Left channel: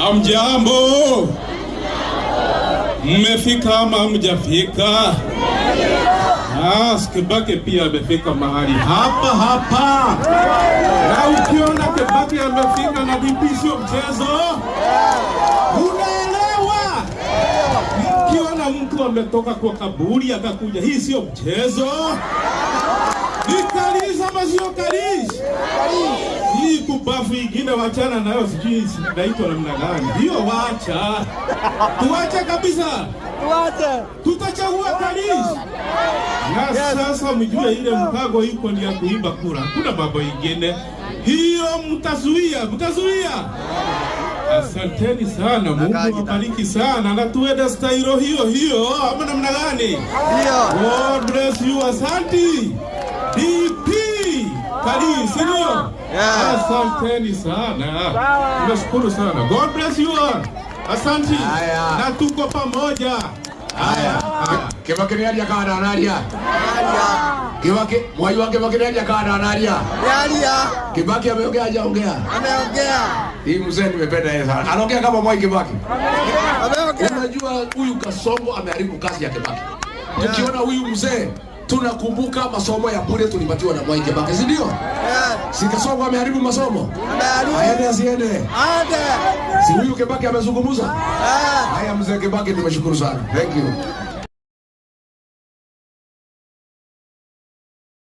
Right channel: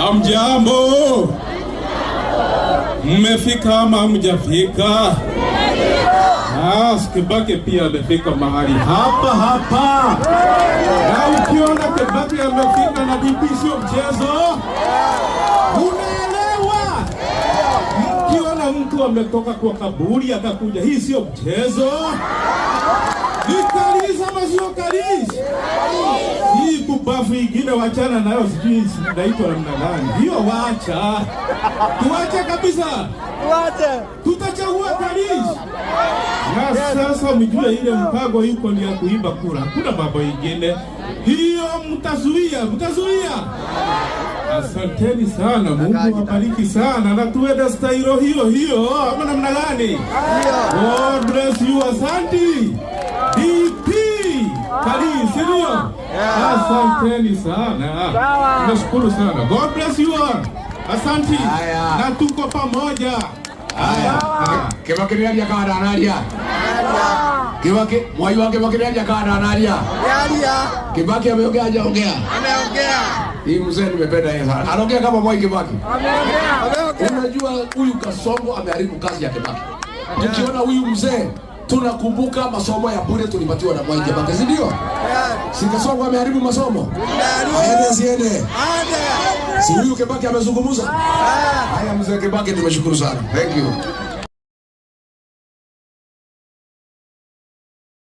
Hamjambo? Mmefika ama hamjafika? Kibaki pia amefika mahali hapa. Na ukiona Kibaki amefika na DP sio mchezo. Unaelewa? Ukiona mtu ametoka kwa kaburi akakuja, hii sio mchezo. Nikaliza ama sio kaliza? Hii kubafu ingine wachana nayo, sijui naitwa namna gani. Hiyo wacha. Tuache kabisa. Tutachagua kaliza. Na sasa mjue ile mpango yuko ni ya kuimba kura. Kuna baba ingine. Hiyo mtazuia. Asanteni sana. Mungu wabariki sana. Na tuende stailo hiyo. Ama namna gani? God bless you. Asante. DP Kalisi ndio. Asanteni sana. Nashukuru sana. God bless you all. Asante. Na tuko pamoja. Kibaki ndiye kana analia. Kibaki mwai wake ndiye kana analia. Kibaki ameongea hajaongea? Ameongea. Hii mzee nimependa yeye sana. Anaongea kama Mwai Kibaki. Unajua huyu Kasongo ameharibu kazi ya Kibaki. Tukiona huyu mzee tunakumbuka masomo ya bure tulipatiwa na Mwai Kibaki, si ndio? Si Kasongo ameharibu masomo? Aende. Si huyu Kibaki amezungumza? Haya mzee Kibaki, tunashukuru sana. Thank you.